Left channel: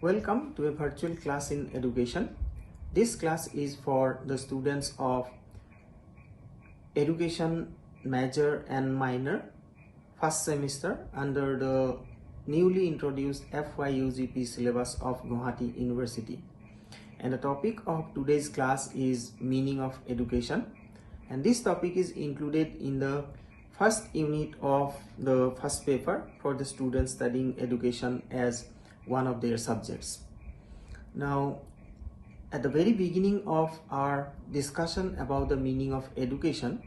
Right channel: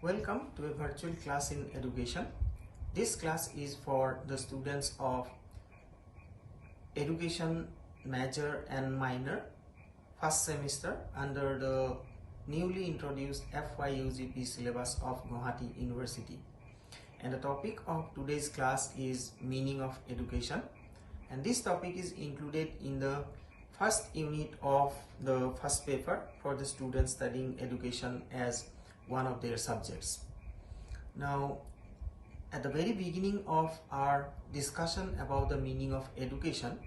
Welcome to a virtual class in education. This class is for the students of education major and minor first semester under the newly introduced Fyugp syllabus of Guwahati University. And the topic of today's class is meaning of education. And this topic is included in the first unit of the first paper for the students studying education as one of their subjects. Now, at the very beginning of our discussion about the meaning of education,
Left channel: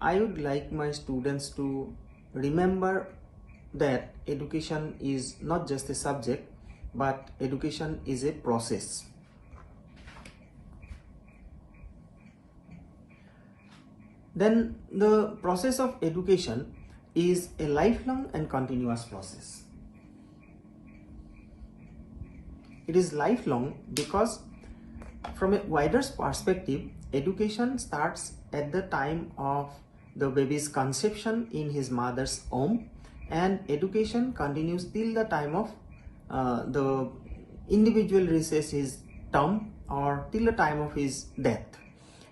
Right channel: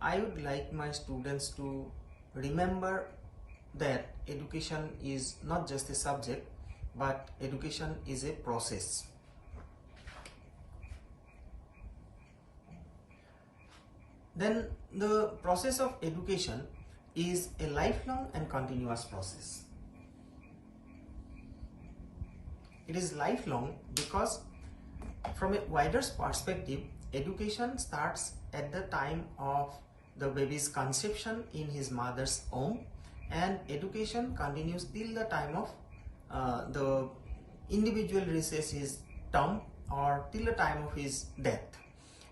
I would like my students to remember that education is not just a subject, but education is a process. Then the process of education is a lifelong and continuous process. It is lifelong because from a wider perspective, education starts at the time of the baby's conception in his mother's womb, and education continues till the time of the individual reaches his term or till the time of his death.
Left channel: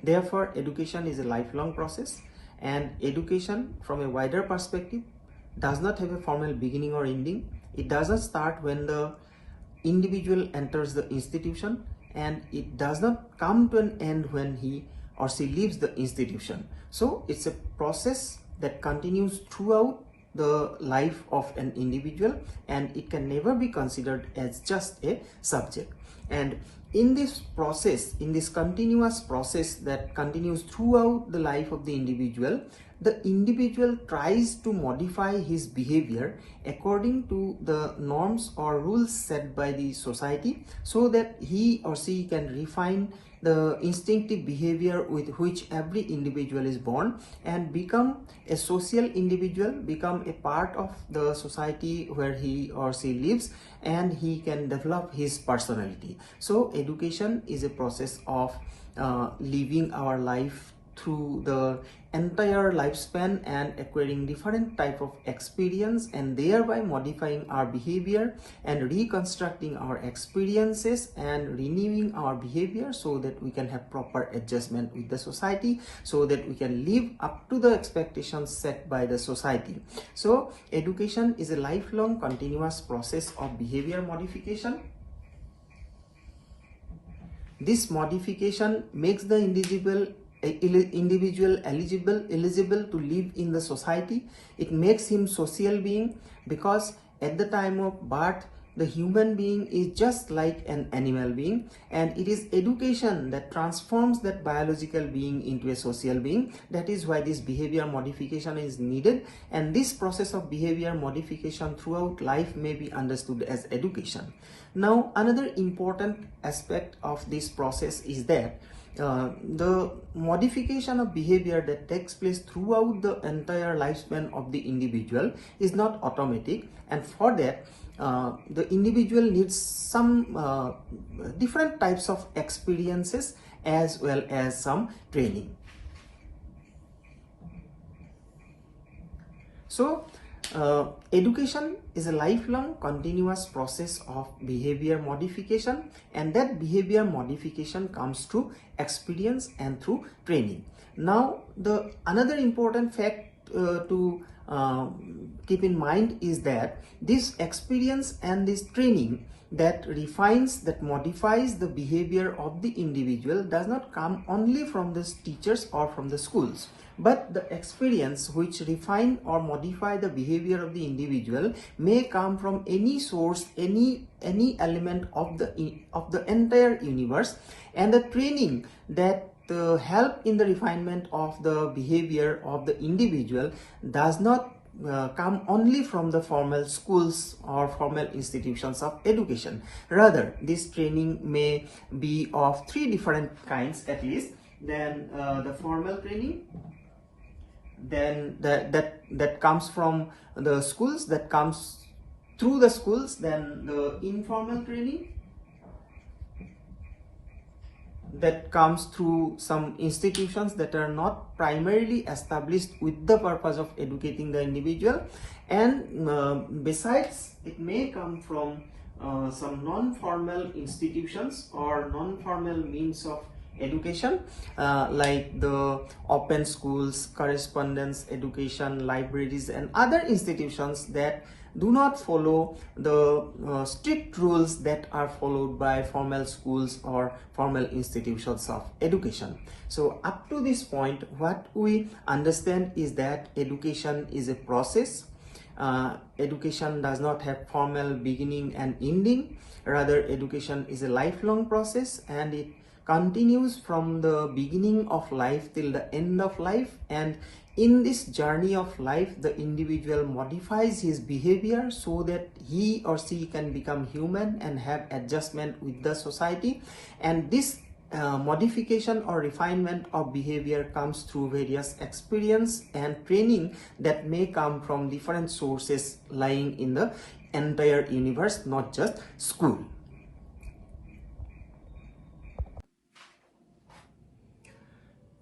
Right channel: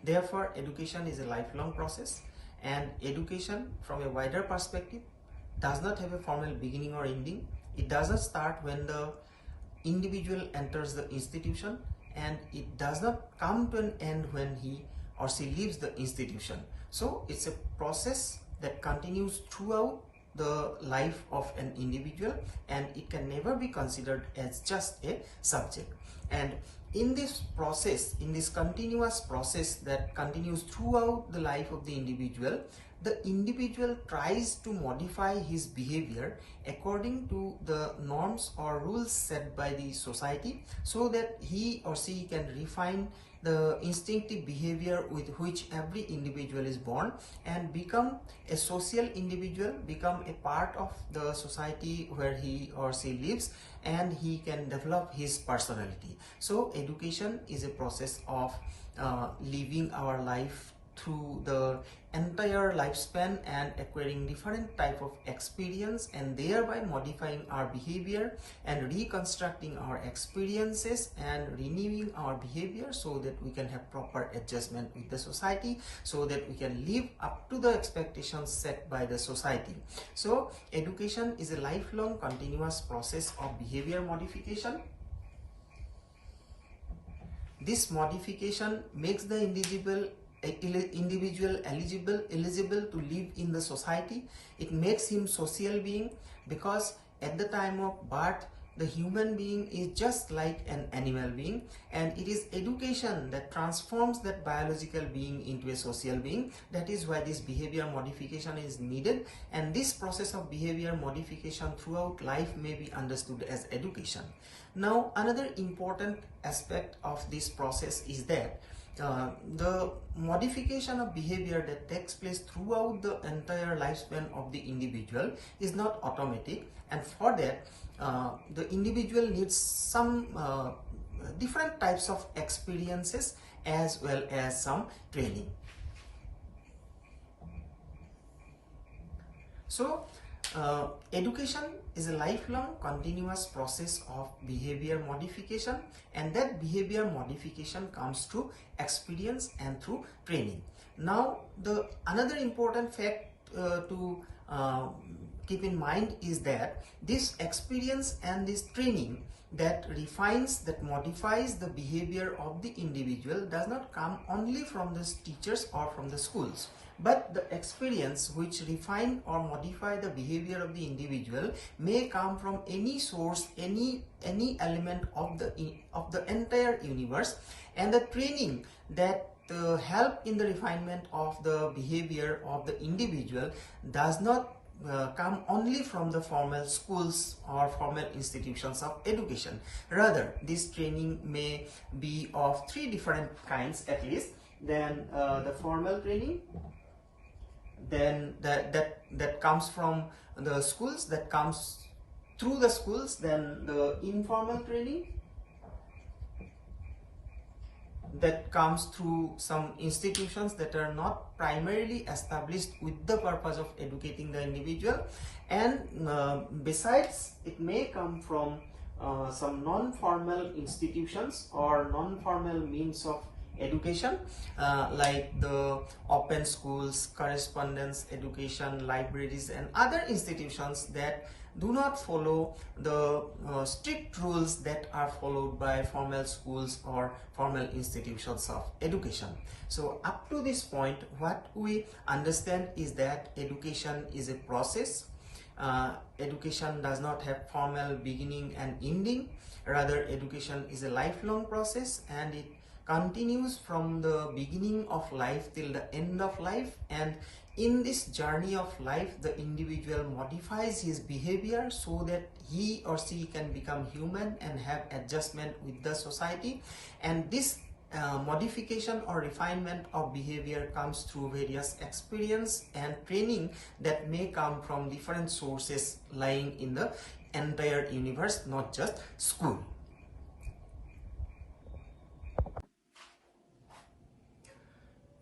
Therefore, education is a lifelong process, and education from a wider perspective does not have a formal beginning or ending. It does not start when the individual enters the institution, and it does not come to an end when he or she leaves the institution. So it's a process that continues throughout the life of an individual, and it can never be considered as just a subject. And in this process, in this continuous process that continues throughout the life of the individual tries to modify his behavior according to the norms or rules set by the society, so that he or she can refine the instinctive behavior with which every individual is born and become a social individual, become a part of the society where he or she lives, and he can develop his personality. So education is a process of living our life through the entire lifespan and acquiring different type of experience, and thereby modifying our behavior and reconstructing our experiences and renewing our behavior so that we can have proper adjustment with the society, so that we can live up to the expectations set by the society. So education is a lifelong continuous process of behavior modification. This modification makes the individual eligible to live in the society. It makes him social being, because at the time of birth the human being is just like an animal being, and it is education that transforms that biological being into a social being. That is why this behavior modification is needed, and this process of behavior modification throughout life may be understood as education. Now, another important aspect of this process is that the modification of behavior that takes place throughout the entire lifespan of the individual is not automatic, and for that the individual needs some different types of experiences as well as some training. So education is a lifelong continuous process of behavior modification, and that behavior modification comes through experience and through training. Now, the another important fact to keep in mind is that this experience and this training that refines, that modifies the behavior of the individual does not come only from the teachers or from the schools, but the experience which refine or modify the behavior of the individual may come from any source, any element of the entire universe, and the training that help in the refinement of the behavior of the individual does not come only from the formal schools or formal institutions of education. Rather, this training may be of three different kinds at least. Then the formal training, then that comes from the schools, that comes through the schools, then the informal training that comes through some institutions that are not primarily established with the purpose of educating the individual, and besides, it may come from some non-formal institutions or non-formal means of education, like the open schools, correspondence education, libraries, and other institutions that do not follow the strict rules that are followed by formal schools or formal institutions of education. So up to this point, what we understand is that education is a process. Education does not have formal beginning and ending. Rather, education is a lifelong process, and it continues from the beginning of life till the end of life. And in this journey of life, the individual modifies his behavior so that he or she can become human and have adjustment with the society. And this modification or refinement of behavior comes through various experience and training that may come from different sources lying in the entire universe, not just school.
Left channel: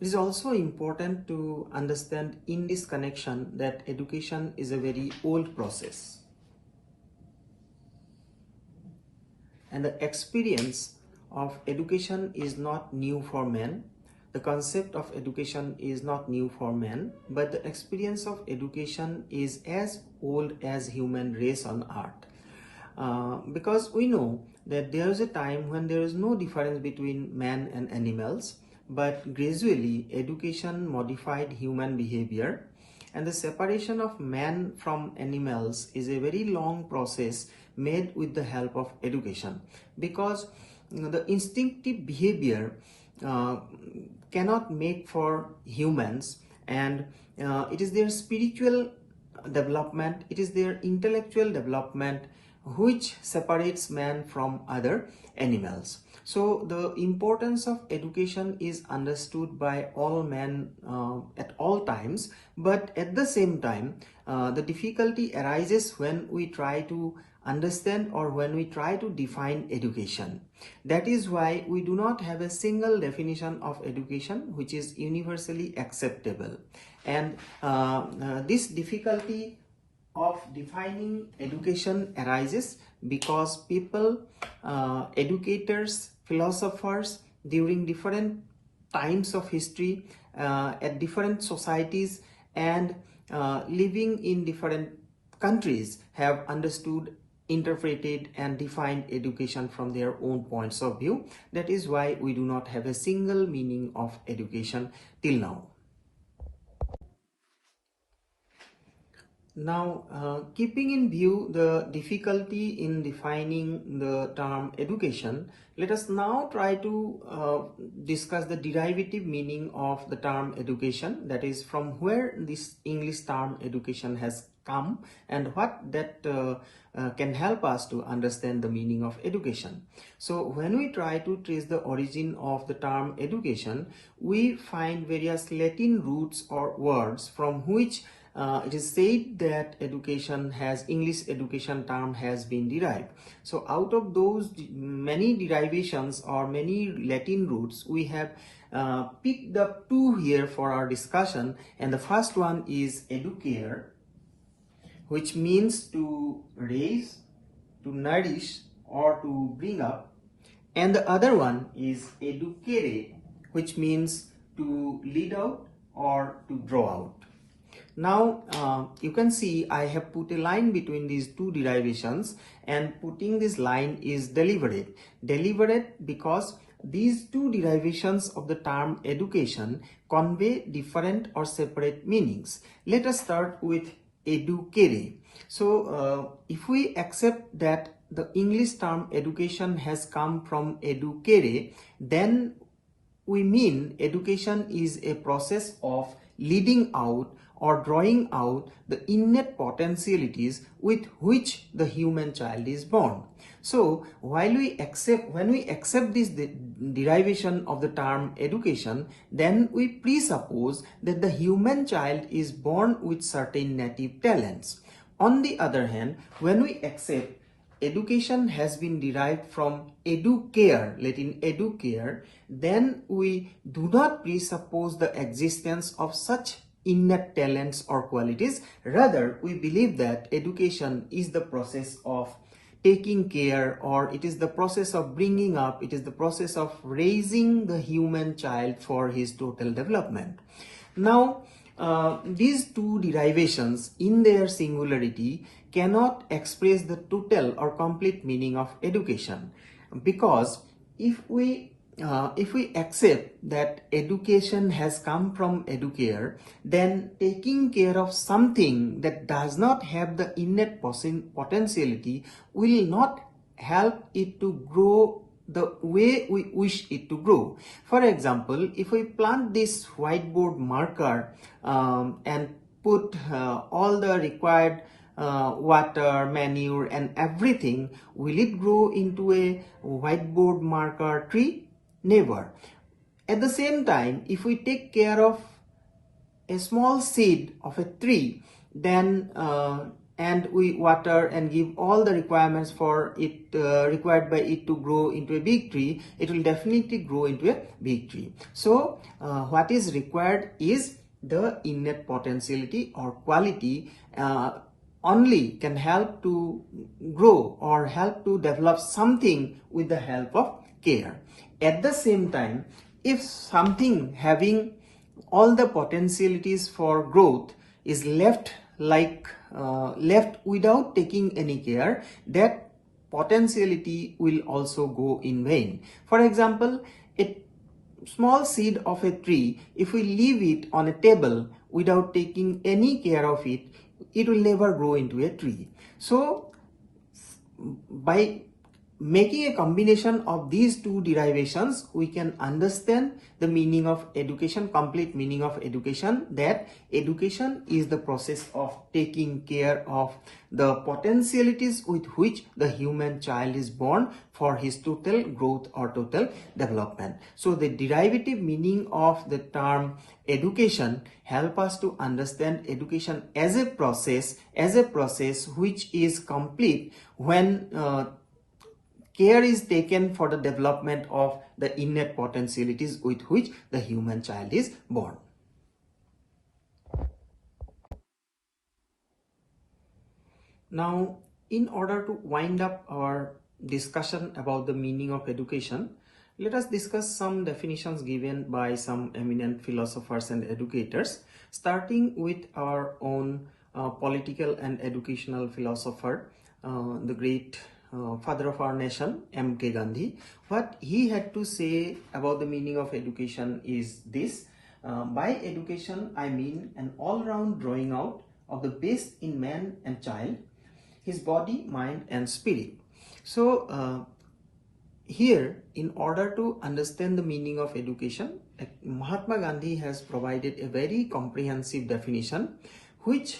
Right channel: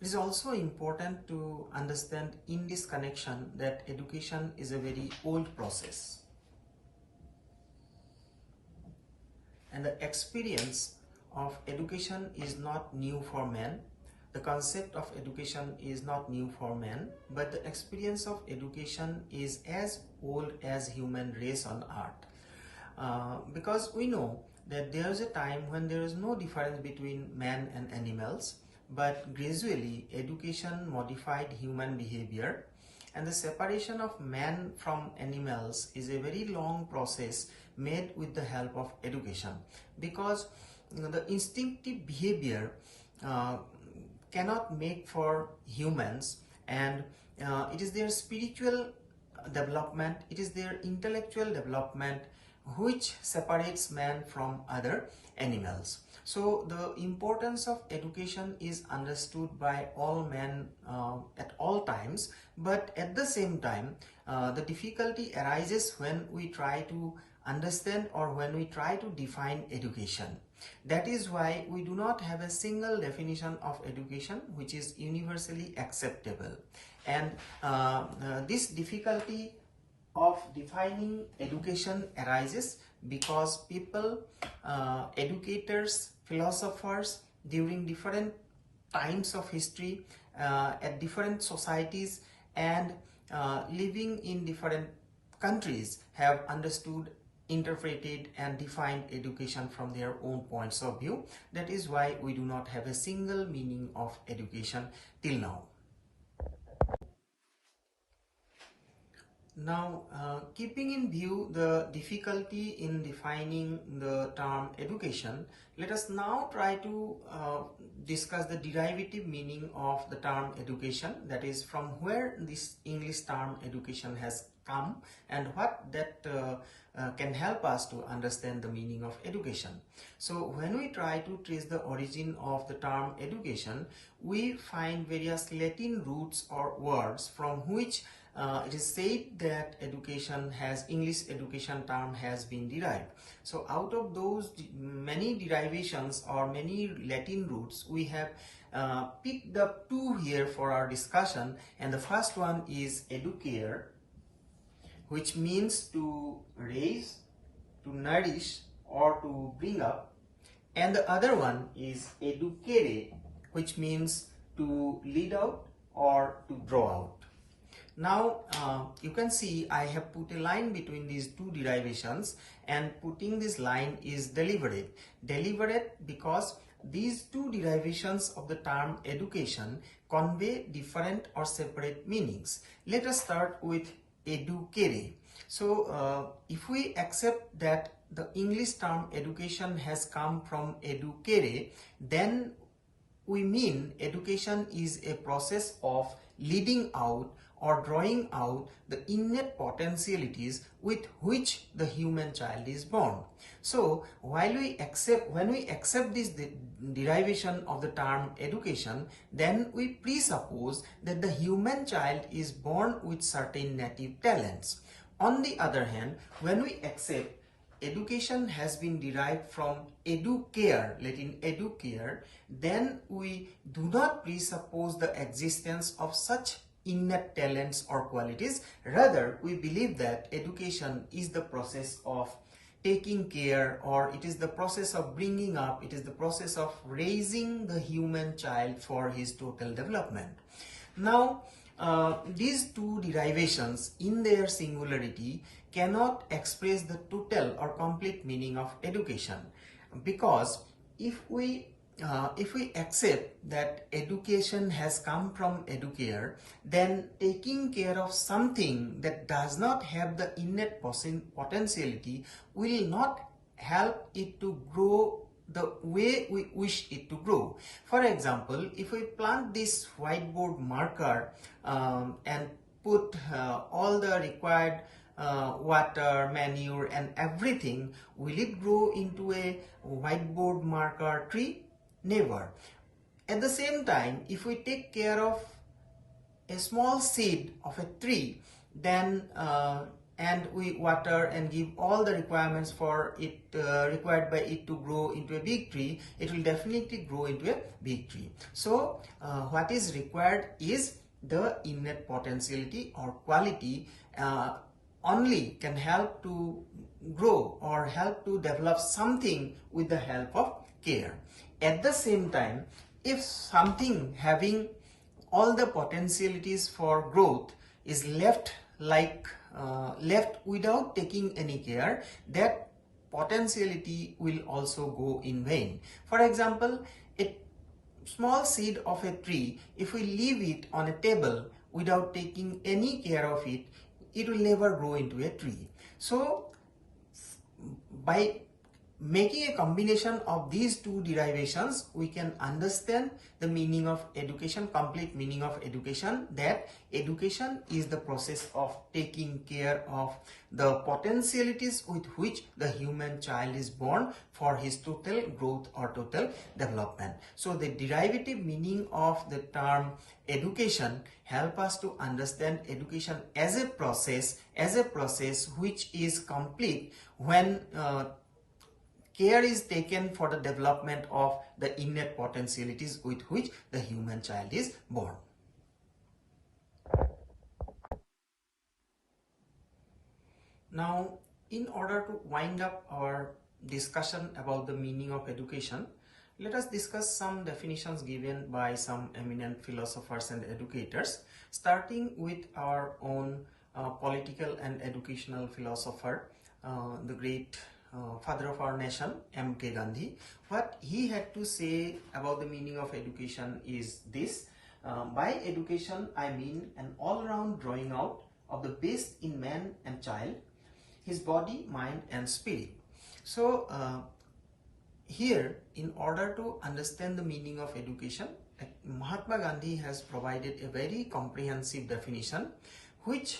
It is also important to understand in this connection that education is a very old process, and the experience of education is not new for man. The concept of education is not new for man, but the experience of education is as old as human race on earth. Because we know that there is a time when there is no difference between man and animals, but gradually education modified human behavior, and the separation of man from animals is a very long process made with the help of education, because the instinctive behavior cannot make for humans, and it is their spiritual development, it is their intellectual development which separates man from other animals. So the importance of education is understood by all men at all times, but at the same time the difficulty arises when we try to understand or when we try to define education. That is why we do not have a single definition of education which is universally acceptable. And this difficulty of defining education arises because people, educators, philosophers during different times of history, at different societies, and living in different countries have understood, interpreted, and defined education from their own points of view. That is why we do not have a single meaning of education till now. Now, keeping in view the difficulty in defining the term education, let us now try to discuss the derivative meaning of the term education, that is, from where this English term education has come and what that can help us to understand the meaning of education. So when we try to trace the origin of the term education, we find various Latin roots or words from which it is said that English education term has been derived. So out of those many derivations or many Latin roots, we have picked up two here for our discussion, and the first one is educare, which means to raise, to nourish, or to bring up, and the other one is educere, which means to lead out or to draw out. Now you can see I have put a line between these two derivations, and putting this line is deliberate. Deliberate because these two derivations of the term education convey different or separate meanings. Let us start with educare. So if we accept that the English term education has come from educare, then we mean education is a process of leading out or drawing out the innate potentialities with which the human child is born. So when we accept this derivation of the term education, then we presuppose that the human child is born with certain native talents. On the other hand, when we accept education has been derived from educare, Latin educare, then we do not presuppose the existence of such innate talents or qualities. Rather, we believe that education is the process of taking care, or it is the process of bringing up, it is the process of raising the human child for his total development. Now, these two derivations in their singularity cannot express the total or complete meaning of education, because if we accept that education has come from educare, then taking care of something that does not have the innate potentiality will not help it to grow the way we wish it to grow. For example, if we plant this whiteboard marker and put all the required water, manure and everything, will it grow into a whiteboard marker tree? Never. At the same time, if we take care of a small seed of a tree, then and we water and give all the requirements for it required by it to grow into a big tree, it will definitely grow into a big tree. So what is required is the innate potentiality or quality only can help to grow or help to develop something with the help of care. At the same time, if something having all the potentialities for growth is left without taking any care, that potentiality will also go in vain. For example, a small seed of a tree, if we leave it on a table without taking any care of it, it will never grow into a tree. So by making a combination of these two derivations, we can understand the meaning of education, complete meaning of education, that education is the process of taking care of the potentialities with which the human child is born for his total growth or total development. So the derivative meaning of the term education help us to understand education as a process which is complete when care is taken for the development of the innate potentialities with which the human child is born. Now, in order to wind up our discussion about the meaning of education, let us discuss some definitions given by some eminent philosophers and educators, starting with our own political and educational philosopher, the great father of our nation, M.K. Gandhi. What he had to say about the meaning of education is this: by education I mean an all-round drawing out of the best in man and child, his body, mind and spirit. So here, in order to understand the meaning of education, Mahatma Gandhi has provided a very comprehensive definition which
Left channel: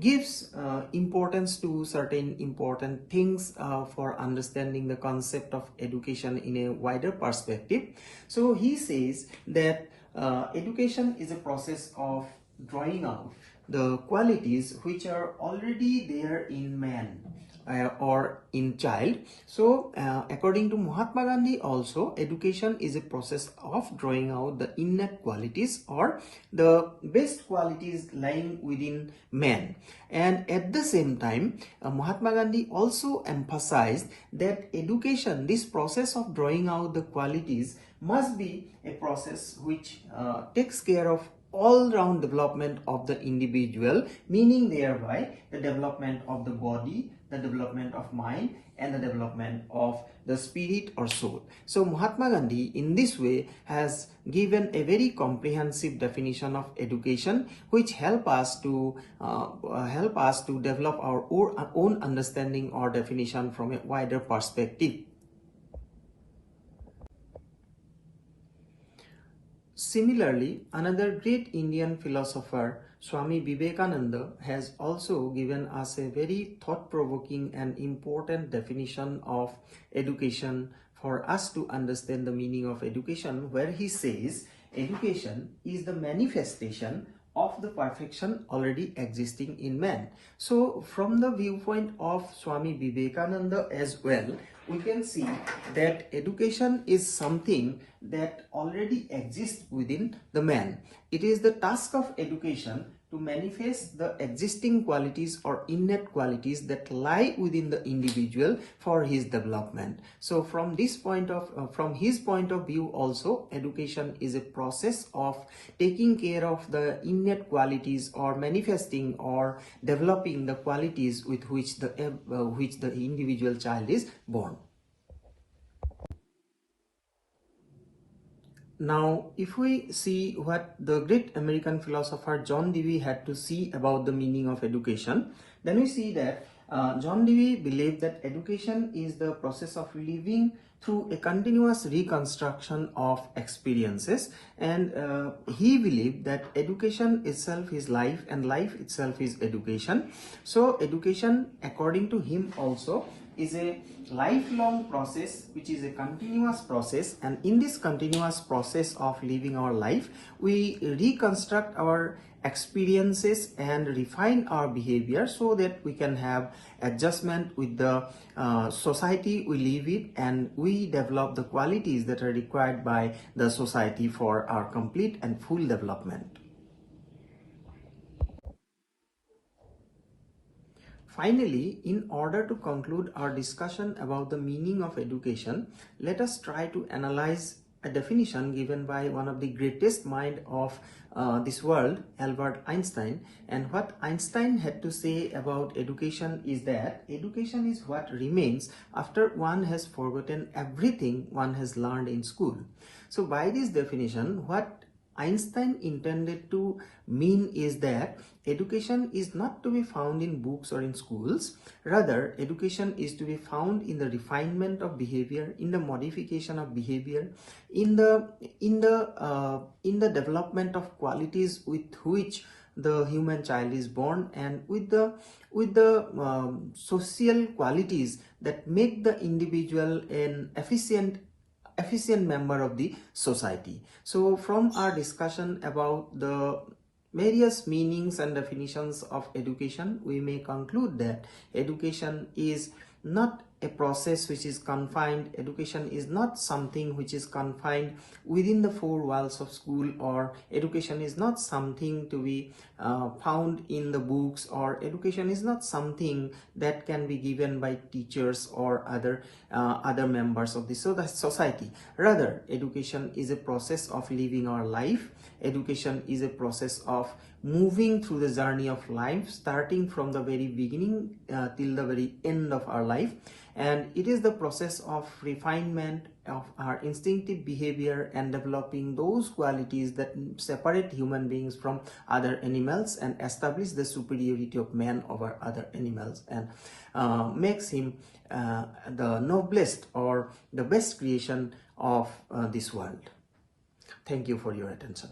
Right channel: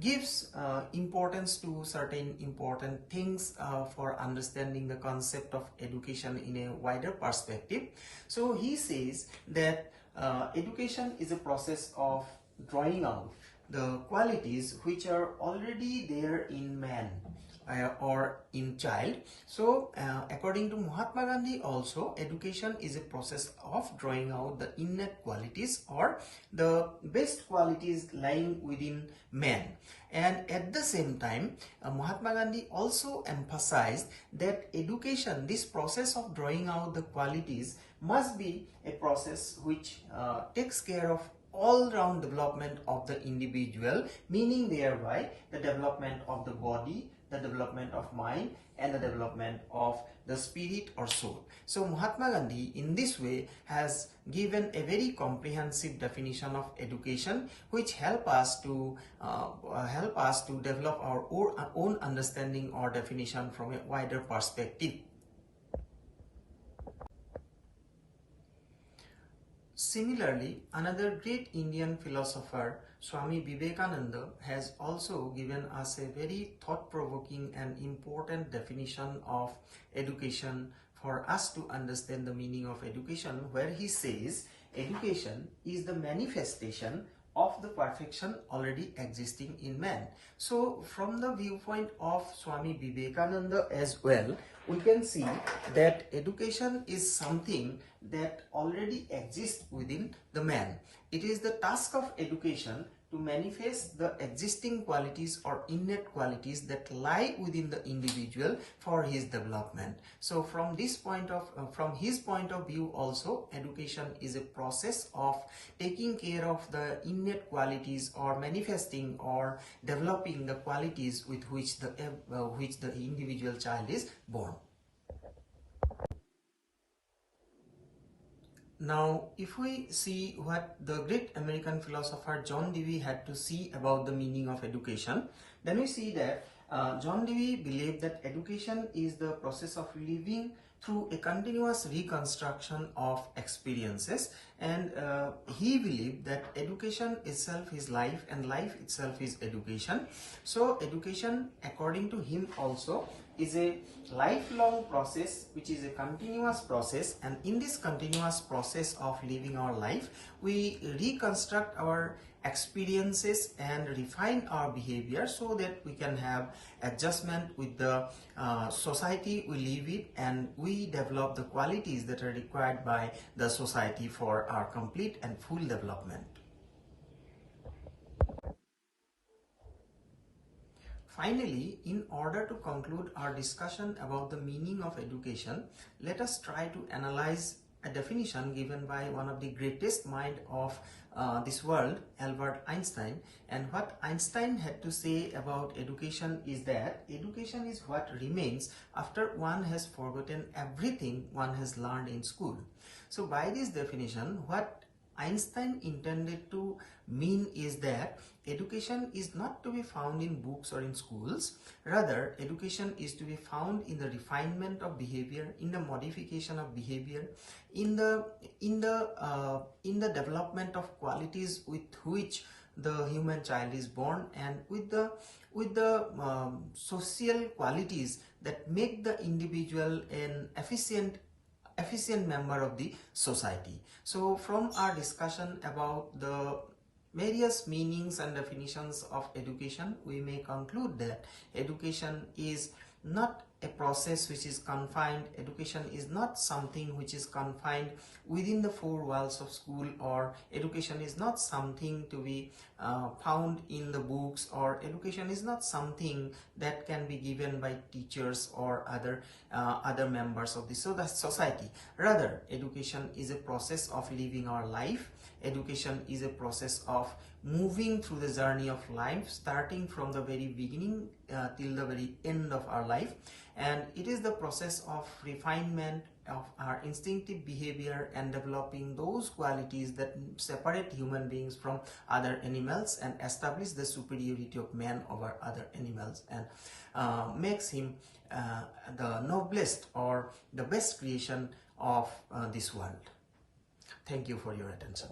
gives importance to certain important things for understanding the concept of education in a wider perspective. So he says that education is a process of drawing out the qualities which are already there in man or in child. So according to Mahatma Gandhi also, education is a process of drawing out the innate qualities or the best qualities lying within man. And at the same time, Mahatma Gandhi also emphasized that education, this process of drawing out the qualities, must be a process which takes care of all-round development of the individual, meaning thereby the development of the body, the development of mind and the development of the spirit or soul. So Mahatma Gandhi in this way has given a very comprehensive definition of education which help us to develop our own understanding or definition from a wider perspective. Similarly, another great Indian philosopher, Swami Vivekananda, has also given us a very thought-provoking and important definition of education for us to understand the meaning of education, where he says, education is the manifestation of the perfection already existing in man. So from the viewpoint of Swami Vivekananda as well, we can see that education is something that already exists within the man. It is the task of education to manifest the existing qualities or innate qualities that lie within the individual for his development. So from his point of view also, education is a process of taking care of the innate qualities or manifesting or developing the qualities with which the individual child is born. Now, if we see what the great American philosopher John Dewey had to see about the meaning of education, then we see that John Dewey believed that education is the process of living through a continuous reconstruction of experiences, and he believed that education itself is life and life itself is education. So education, according to him also, is a lifelong process which is a continuous process, and in this continuous process of living our life we reconstruct our experiences and refine our behavior so that we can have adjustment with the society we live in, and we develop the qualities that are required by the society for our complete and full development. Finally, in order to conclude our discussion about the meaning of education, let us try to analyze a definition given by one of the greatest minds of this world, Albert Einstein. And what Einstein had to say about education is that education is what remains after one has forgotten everything one has learned in school. So by this definition, what Einstein intended to mean is that education is not to be found in books or in schools. Rather, education is to be found in the refinement of behavior, in the modification of behavior, in the development of qualities with which the human child is born, and with the social qualities that make the individual an efficient member of the society. So from our discussion about the various meanings and definitions of education, we may conclude that education is not a process which is confined. Education is not something which is confined within the four walls of school, or education is not something to be found in the books, or education is not something that can be given by teachers or other members of the society. Rather, education is a process of living our life. Education is a process of moving through the journey of life, starting from the very beginning till the very end of our life. And it is the process of refinement of our instinctive behavior and developing those qualities that separate human beings from other animals and establish the superiority of man over other animals, and makes him the noblest or the best creation of this world. Thank you for your attention.